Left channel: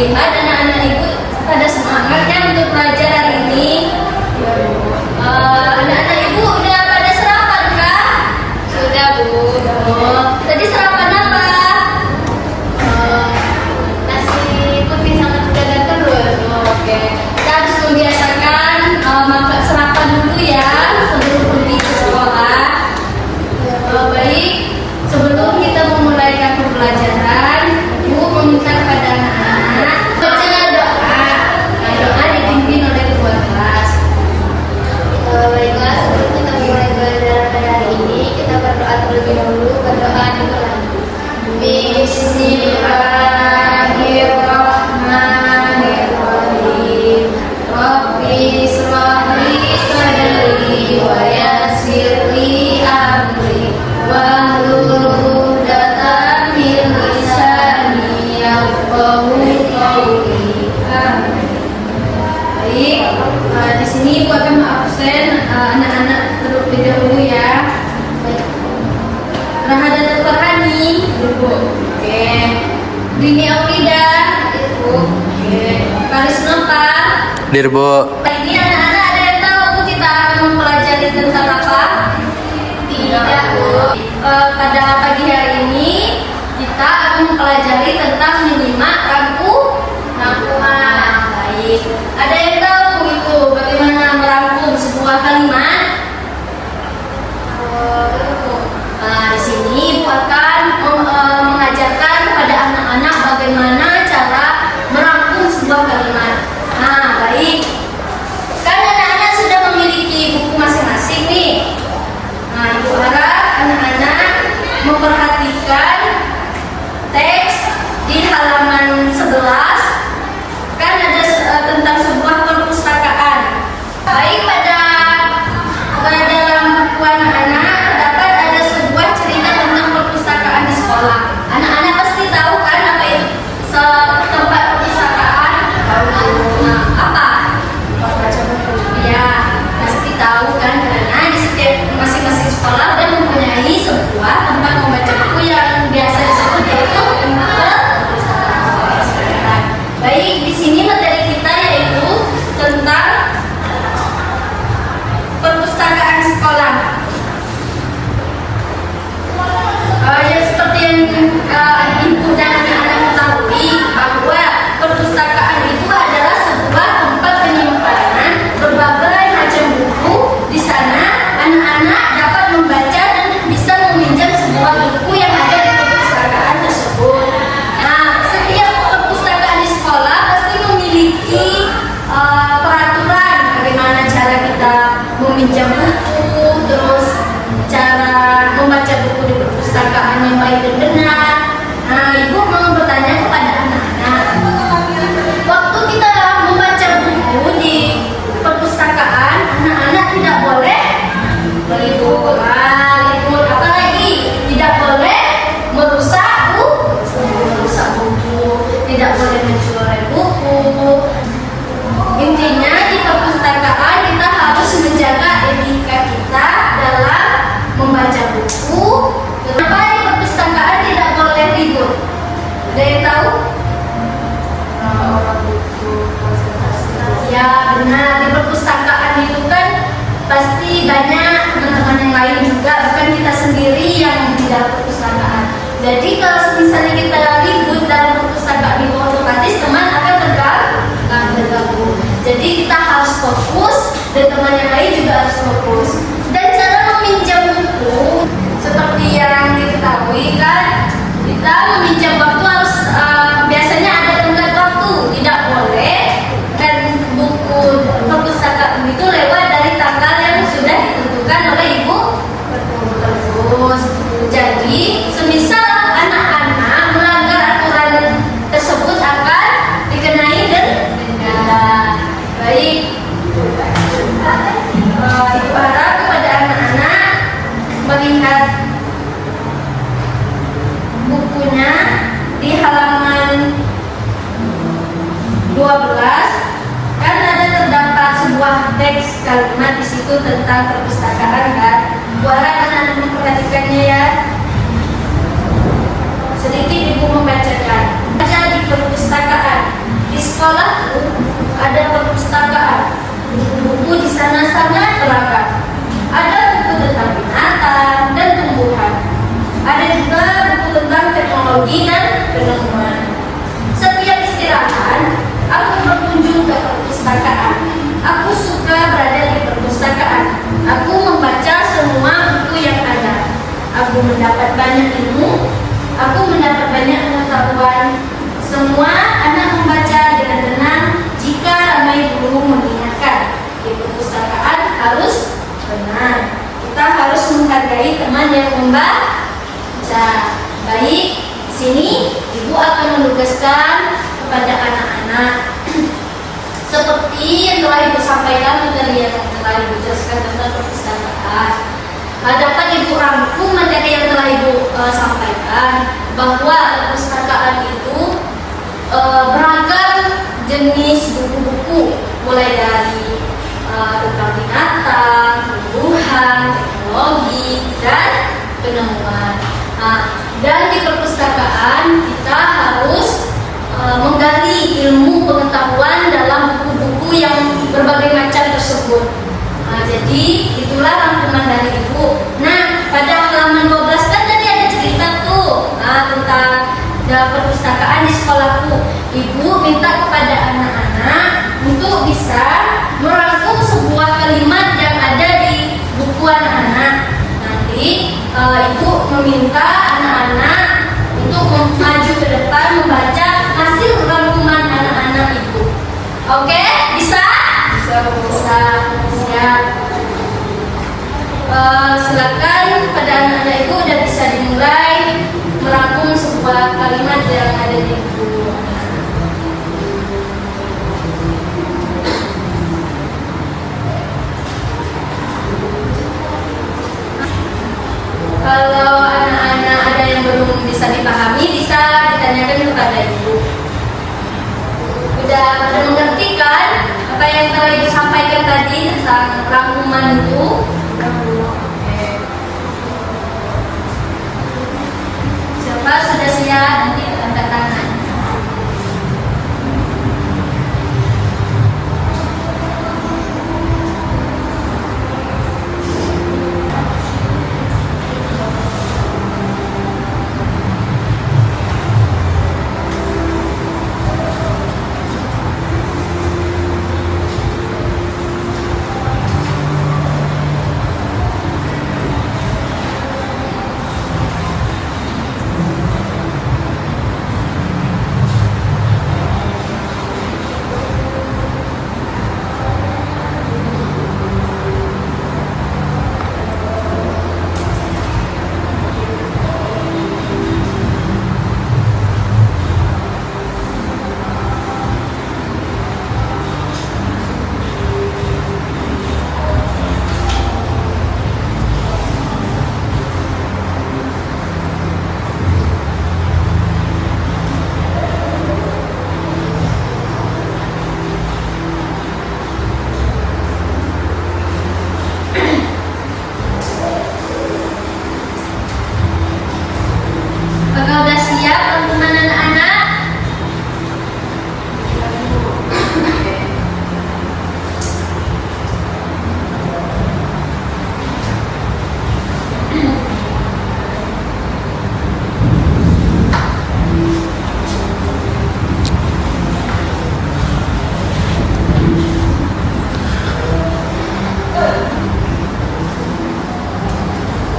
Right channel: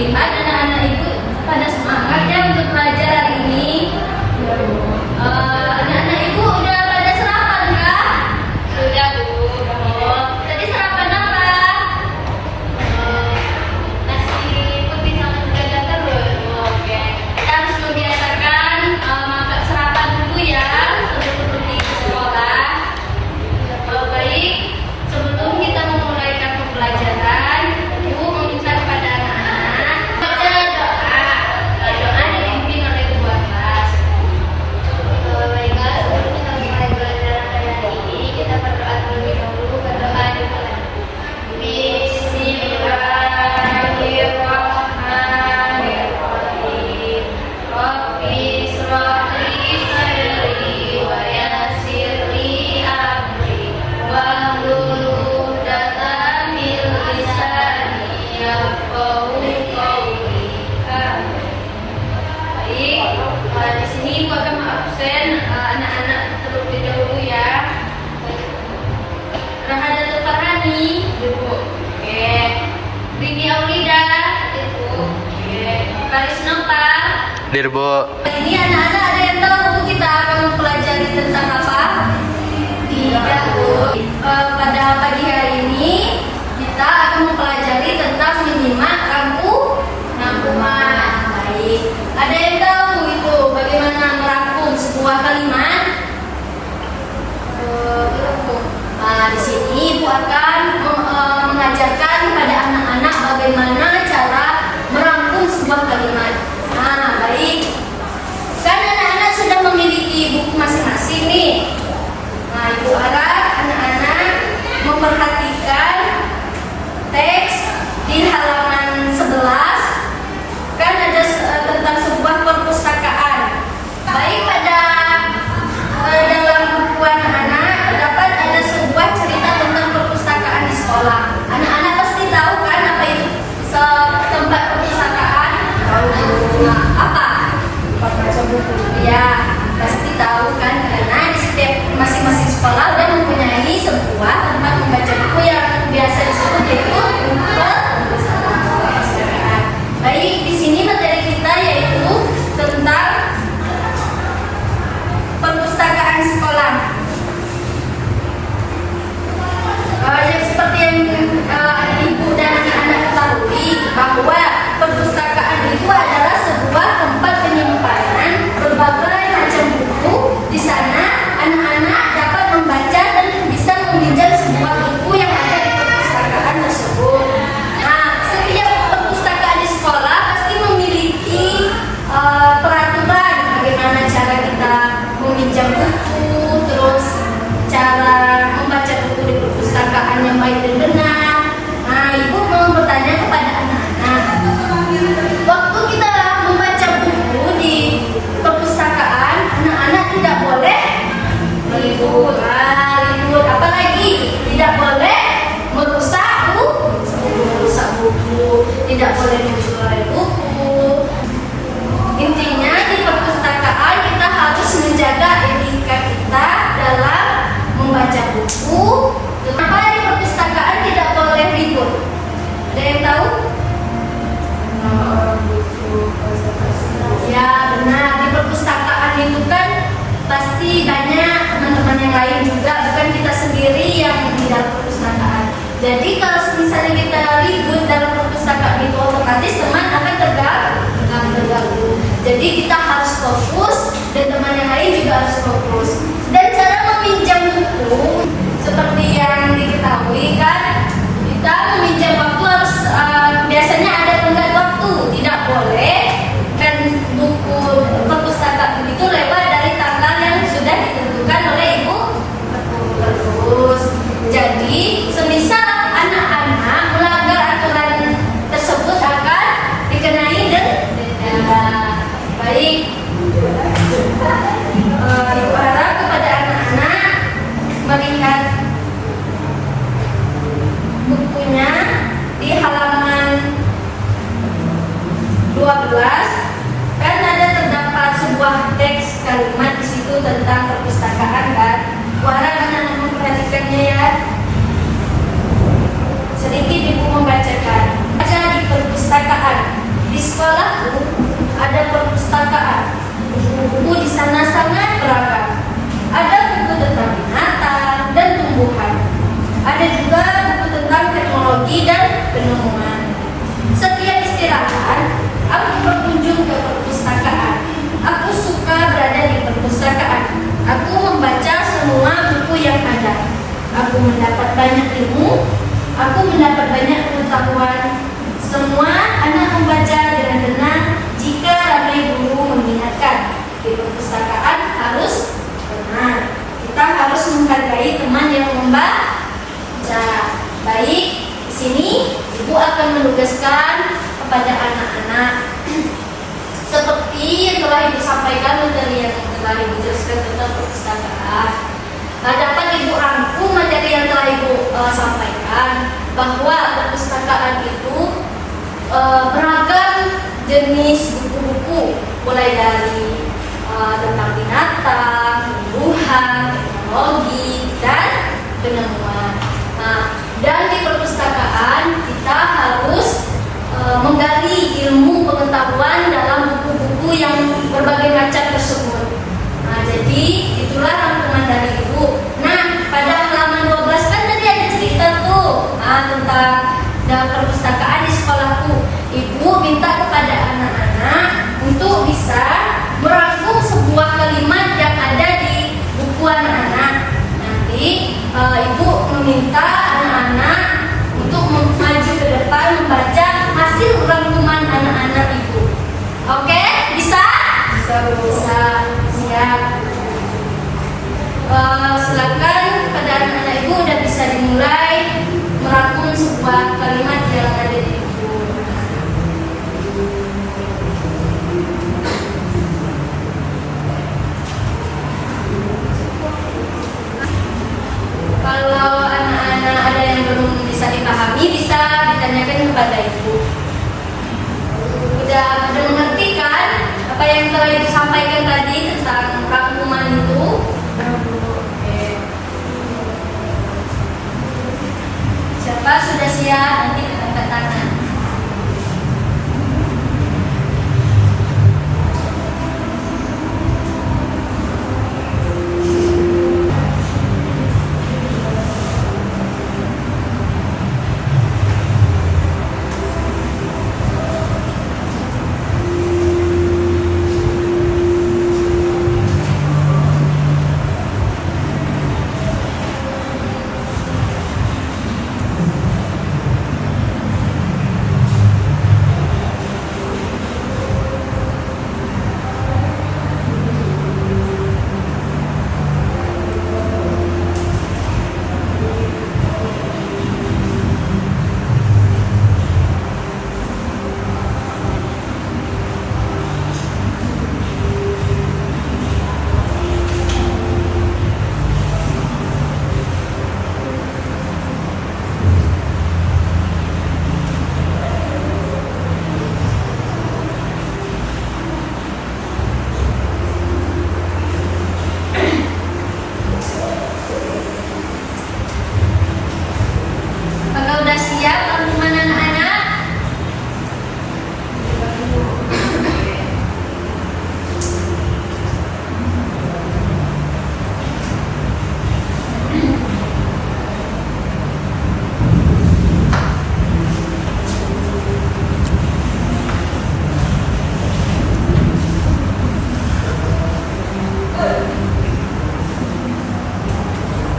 lihat anak-anak ibu pada semangatnya untuk belajar hari ini. Anak-anak ibu udah pada sarapan kah? Sudah, Bu. Oh, tadi sarapan apa? Nasi putih sama dadar telur. Oke, kita harus membiasakan makan sarapan dulu ya sebelum pergi ke sekolah. Baik, sebelum kita memulaikan pembelajaran, Ibu meminta kepada anak-anak baca doa. Doa dipimpin oleh ketua kelas. Baiklah, sebelum kita mulai belajar pada hari ini, kita berdoa terlebih dahulu. Berdoa dimulai. Bismillahirrahmanirrahim. Rabbi shrah li sadri wa yassir li amri wahlul 'uqdatam min lisani yafqahu qawli. Amin. Baik, di sini Ibu akan absen anak-anak terlebih dahulu ya. Baik. Rahadatul Farhani, duduk. Oke. Rini Aulida, duduk. Oke. Karis Nova. Dirbo. Ini anak-anak ada yang tahu kita akan mempelajari tentang apa? Tidak, Bu. Pada pagi hari ini kita akan mempelajari tentang menyimak rangkuman. Baik. Ada yang tahu itu bagaimana merangkum sebuah kalimat? Nah, di sini Ibu akan mengajarkan kepada anak-anak bagaimana cara merangkum sebuah kalimat. Nah, baik. Kan anak-anak sudah memiliki buku masing-masing nih. Nah, Ibu harap anak-anak memperhatikan teks di halaman 11. Kan ada tentang sebuah perpustakaan. Baik, pada dalam buku anak-anak terdapat ada sebuah cerita tentang perpustakaan di sekolah. Anak-anak pasti tahu kan apa itu tempat perpustakaan? Tahu. Apa? Tempat baca buku. Ya, pasti tahu kan, karena di setiap masing-masing sekolah udah mempunyai sebuah tempat membaca buku yang biasa disebut yaitu perpustakaan. Baik, di sini materi kita yaitu tentang perpustakaan sekolah. Yang seperti yang Ibu dan anak-anak ketahui bahwa perpustakaan itu adalah sebuah tempat penyimpanan berbagai macam buku. Di sana anak-anak dapat membaca dan bisa meminjam semua buku yang ada di perpustakaan tersebut. Nah, setiap perpustakaan di sekolah pasti memiliki peraturan bagaimana cara kita meminjam buku, terus cara membaca buku di perpustakaan yang baik dan benar. Nah, Ibu mau bertanya kepada anak-anak, waktu kita membaca buku di perpustakaan, anak-anak tidak boleh meliput, apalagi tidak boleh merusak buku, tidak boleh mencuri buku. Intinya di perpustakaan kita harus menjaga etika kita dalam membaca buku. Kenapa di perpustakaan tidak boleh ribut? Ada yang tahu? Ya, benar. Di perpustakaan itu kan pasti banyak teman-teman yang lain juga, bukan kita sendiri yang di dalam perpustakaan. Jadi kalau misalnya kita ribut dalam perpustakaan itu, otomatis teman akan terganggu. Jadi kita harus fokus dan teman yang lain juga harus fokus. Dan cara meminjam buku seperti yang diketahui kan, kita meminjam waktu harus biasanya ada tenggat waktu, tidak boleh dan buku perpustakaan itu lewat dari tanggal yang sudah ditentukan oleh Ibu. Terus, jadi semisal anak-anak melanggar aturan tersebut akan dikenai denda. Baik, Ibu harap kepada anak-anak melihat bukunya di halaman 12. Kan ada terdapat sebuah teks kalimat di situ tentang perpustakaan kan. Bu harap anak-anak memperhatikannya ya. Sedikit Ibu membacakan. Baca di perpustakaan. sekolahku ada perpustakaan. Buku di sana sangat beragam. Ada buku tentang binatang dan tumbuhan. Ada juga buku tentang teknologi dan penemuan. Setiap istirahat, aku berkunjung ke perpustakaan. Aku suka berada di perpustakaan. Aku membaca semua buku yang ada. Aku mendapat banyak ilmu. Aku mendapat banyak pengetahuan. Semua anak membaca dengan tenang jika ramai guru mengingatkan. Di perpustakaan harus benar. Kita harus menghargai teman yang membaca. Baik, di sini ibu akan menugaskan kepada anak-anak seperti yang telah ibu sampaikan, materi yang telah ibu jelaskan tentang perpustakaan. Dapat ibu rangkum materi yang telah ibu sampaikan, bahwa perpustakaan itu beragam jenis buku-buku, mulai dari tentang binatang, tumbuhan, teknologi, dan penemuan. Dan di perpustakaan kita harus menggali ilmu pengetahuan dalam buku-buku yang berbagai macam tersebut. Jadi itulah rangkuman dari ibu. Nah, pada halaman 12 kan tadi ada cerita tuh tentang perpustakaan di sekolahku. Ibu minta kepada anak-anak untuk bisa merangkum sebuah kalimat yang ada di buku anak-anak. Nanti ibu meminta anak-anak untuk maju ke depan membaca hasil rangkuman anak-anak ibu. Oke, bisa? Bisa. Siap. Silakan kepada anak-anak ibu udah bisa dimulai merangkum sebuah kalimat yang ada di buku. Kalau anak-anak ada yang belum bisa dipahami, bisa ditanyakan kepada ibu. Udah pada mengerti kan apa yang telah ibu sampaikan tadi tentang rangkuman itu? Siapa sudah siap? Nanti angkat tangan.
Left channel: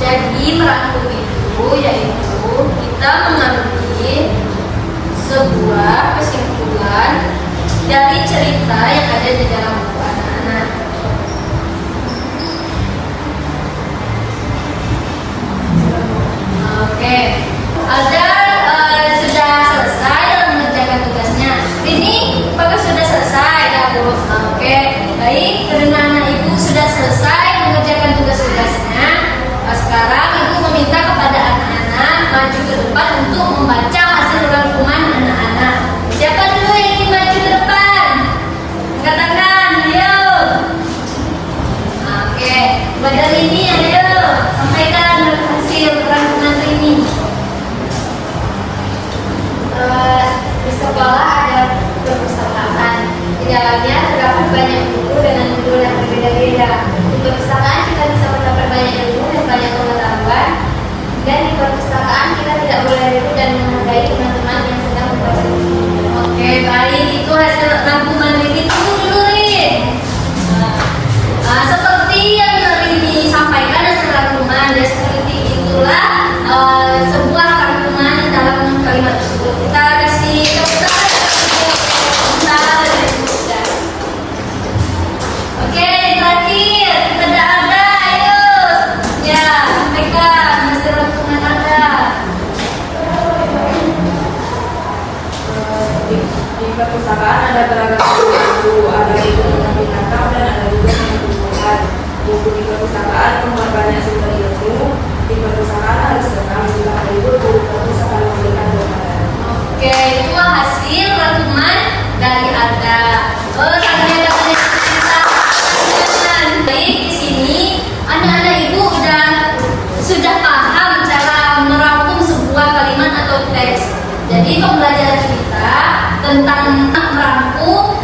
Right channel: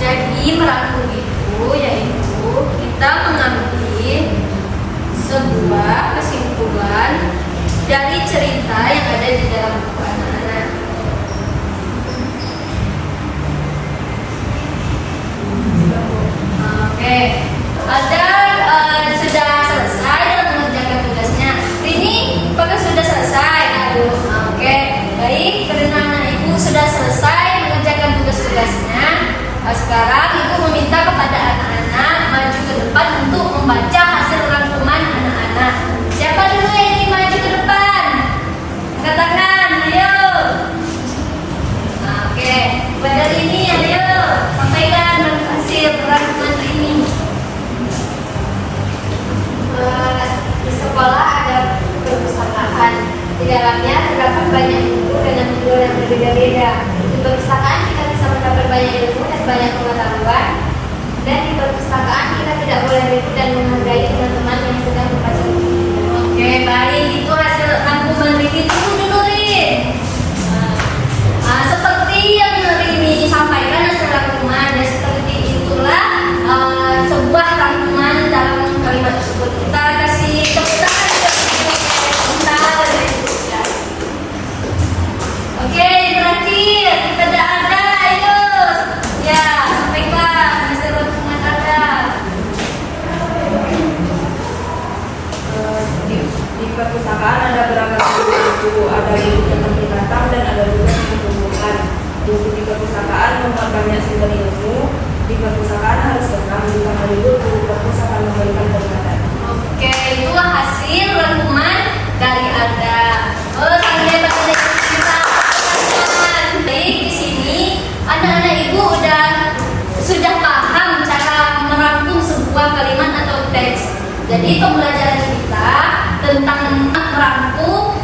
Jadi merangkum itu yaitu kita mengambil sebuah kesimpulan dari cerita yang ada di dalam buku anak-anak. Oke, ada sudah selesai dalam mengerjakan tugasnya. Ini apakah sudah selesai? Oke, baik. Karena anak ibu sudah selesai mengerjakan tugas-tugasnya, sekarang ibu meminta kepada anak-anak maju ke depan untuk membaca hasil rangkuman anak-anak. Siapa dulu yang ingin maju ke depan? Angkat tangan, ayo. Oke, pada ini ayo sampaikan hasil rangkuman ini. Di sekolah ada perpustakaan. Di dalamnya terdapat banyak buku dengan judul yang berbeda-beda. Di perpustakaan kita bisa mendapat banyak ilmu dan banyak pengetahuan. Dan di perpustakaan kita tidak boleh ribut dan menghargai teman-teman yang sedang membaca buku. Oke, baik. Itu hasil rangkuman Riri. Tunggu dulu, Rin. Seperti yang Rini sampaikan hasil rangkuman, ya seperti itulah sebuah rangkuman dalam kalimat tersebut. Kita kasih tepuk tangan. Oke, terakhir kita ada, ayo. Ya, sampaikan hasil rangkuman Anda. Di perpustakaan ada beragam buku, ada buku tentang binatang dan ada juga tentang tumbuhan. Buku di perpustakaan memuat banyak sumber ilmu. Di perpustakaan harus datang jika perlu. Buku perpustakaan memberikan berbagai. Oke, itu hasil rangkuman dari Anda. Sambil tanya kita pertanyaan. Baik, di sini anak-anak ibu sudah paham cara merangkum sebuah kalimat atau teks. Jadi pembelajaran kita tentang merangkum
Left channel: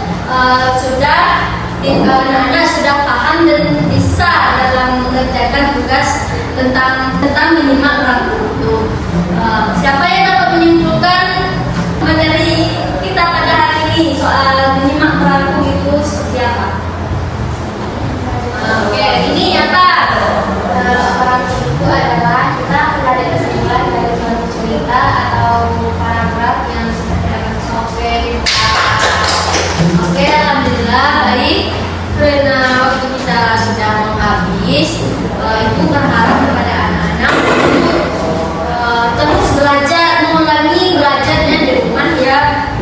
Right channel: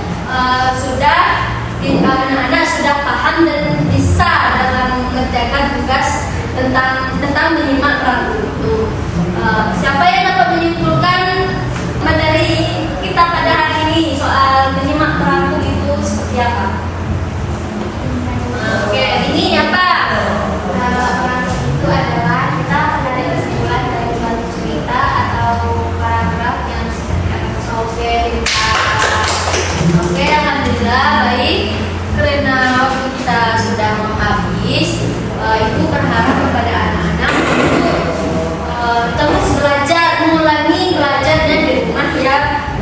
anak-anak sudah paham dan bisa dalam mengerjakan tugas tentang menyimak merangkum itu. Siapa yang dapat menyimpulkan dari kita pada hari ini soal menyimak merangkum itu seperti apa? Oke, ini apa? Itu adalah kita menarik kesimpulan dari suatu cerita atau paragraf yang seperti apa. Oke, alhamdulillah baik. Karena waktu kita sudah habis, ibu berharap kepada anak-anak terus belajar, mengulangi belajarnya di rumah ya.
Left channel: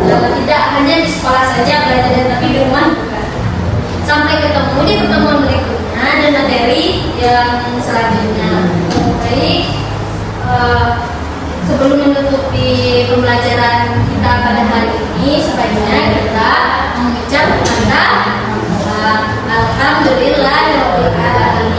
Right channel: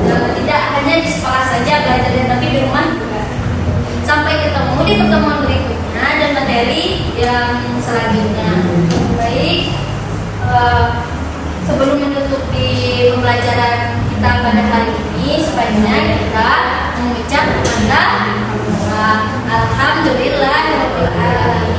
Tidak hanya di sekolah saja belajarnya, tapi di rumah juga. Sampai ketemu di pertemuan berikutnya dan materi yang selanjutnya. Baik, sebelum menutupi pembelajaran kita pada hari ini, sebaiknya kita mengucap kepada Alhamdulillahirabbil alamin.